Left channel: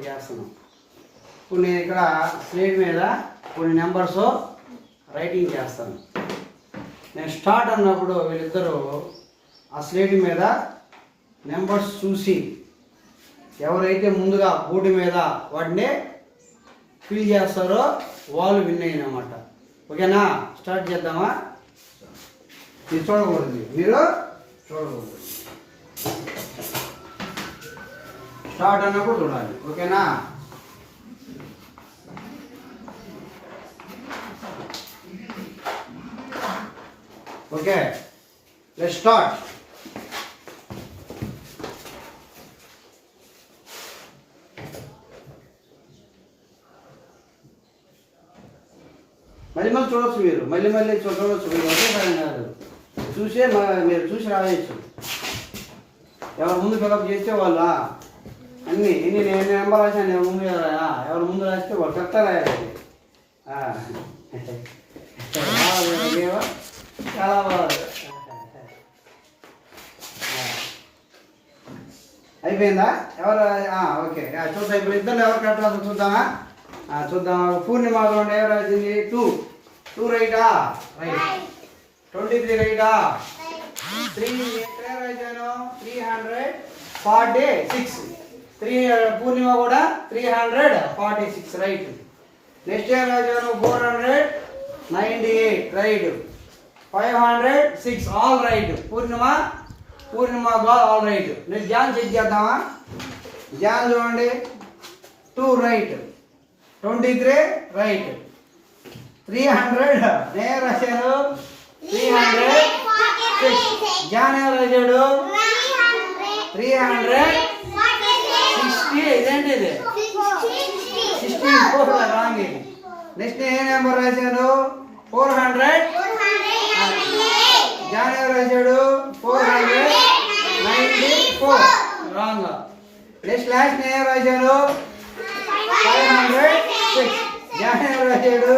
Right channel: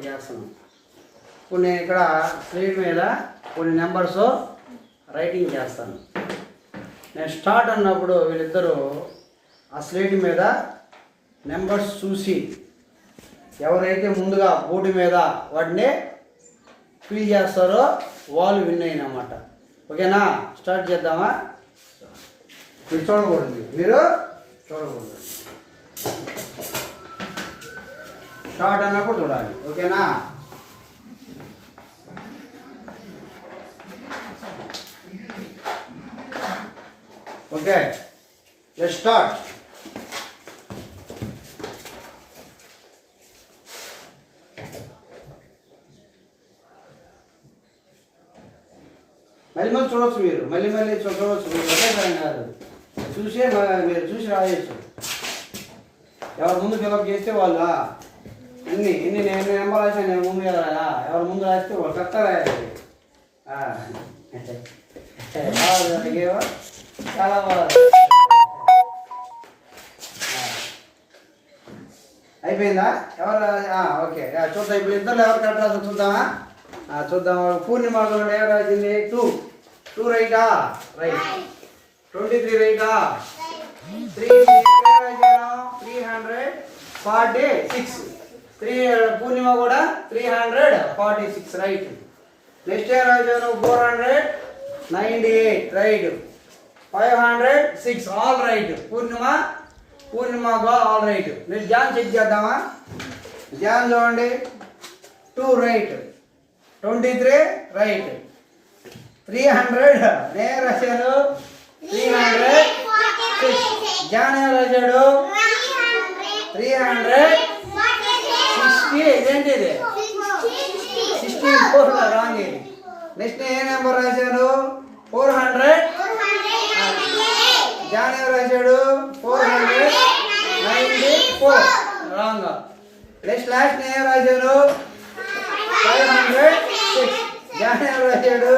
ఒకటి చేస్తున్నాం. ఇప్పుడు నేను ఇక్కడ స్లేట్ మీద కొన్ని నెంబర్స్ రైటింగ్ చేస్తాను. నేను స్టార్ట్ అన్నప్పుడు వీళ్ళిద్దరూ ఆ స్లేట్ మీద నెంబర్స్ చూసి ఎవరైతే ముందుగా బోర్డు మీద వాటిని ఫిల్ చేస్తారో వాళ్ళు విన్ అయినమాట. ఓకేనా? స్టార్ట్ చేద్దామా? మీరు చూడకూడదు, మీరు చూడకూడదు. స్టార్ట్ అన్నప్పుడు చూడాలి. ఓకేనా? Okay, let's start. మళ్ళీ మళ్ళీ చూడవచ్చు, మీరు మళ్ళీ చూడవచ్చు. మీరు ఒకేసారి కాదు, చూసే మీరు చూసి రాయొచ్చు. ఎవరు ముందు ఫిలప్ చేస్తే వాళ్ళు అన్నీ నేను నెంబర్ రాసాను, నేను ముందు రాయా. ఎవరు ముందు రాస్తే వాళ్ళు కరెక్ట్గా రాయాలి. చాలా బాగా అయిపోయిందా? ఎవరు? ఓకే, చూద్దాం. ఇప్పుడు ఇద్దరు ఎవరు కరెక్ట్ రాదు చూద్దామా? చూద్దాం. పూర్ణిమలో ఎవరు రాసింది? 2 రైటా? రైట్. 23 రైటా? 346. పూర్ణిమ కూడా 346 రైట్. నెక్స్ట్ ఇయర్ రాజాను 498 right. 506 all right. Purnima all right. Next John check చేద్దామా? జాన్ చూడండి, 2 రైట్. 23 రైట్. 300 నేను రాశాను 306. జాన్ ఎవరు రాశాడు? 360. ఇదేంటి ఇది? 64 రాంగ్. నెక్స్ట్ ఏ నెంబర్ రాశాను? 400. జాన్ ఎవరు రాశాడు? 494 రాంగ్. నెక్స్ట్ లాస్ట్ నేను రాశాను 506. జాన్ ఎవరు రాశాడు?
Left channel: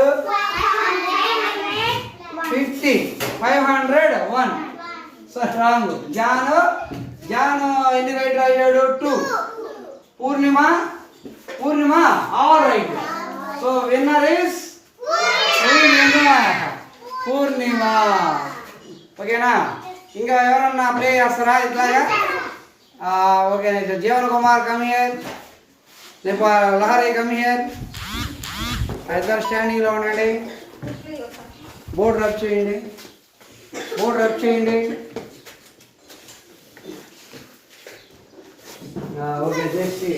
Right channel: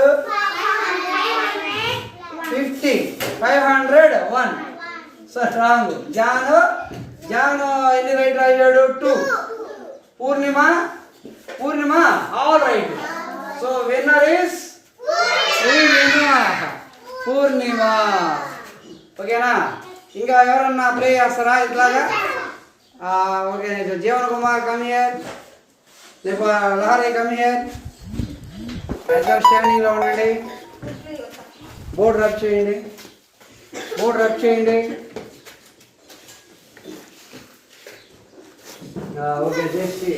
50. 501 సార్ రాంగ్. జాను ఎన్ని రైట్ రాశాడు? 2. Purnima all right. So winner is Purnima. ఓకేనా? ఇంకా ఎవరన్నా ప్లే చేస్తారా ఇట్లాగా? Okay, Jeevan Kumar come here. Lahari come here. Standing లో ఉండండి. బోర్డు రబ్ చేయండి. ఓకే, చేసి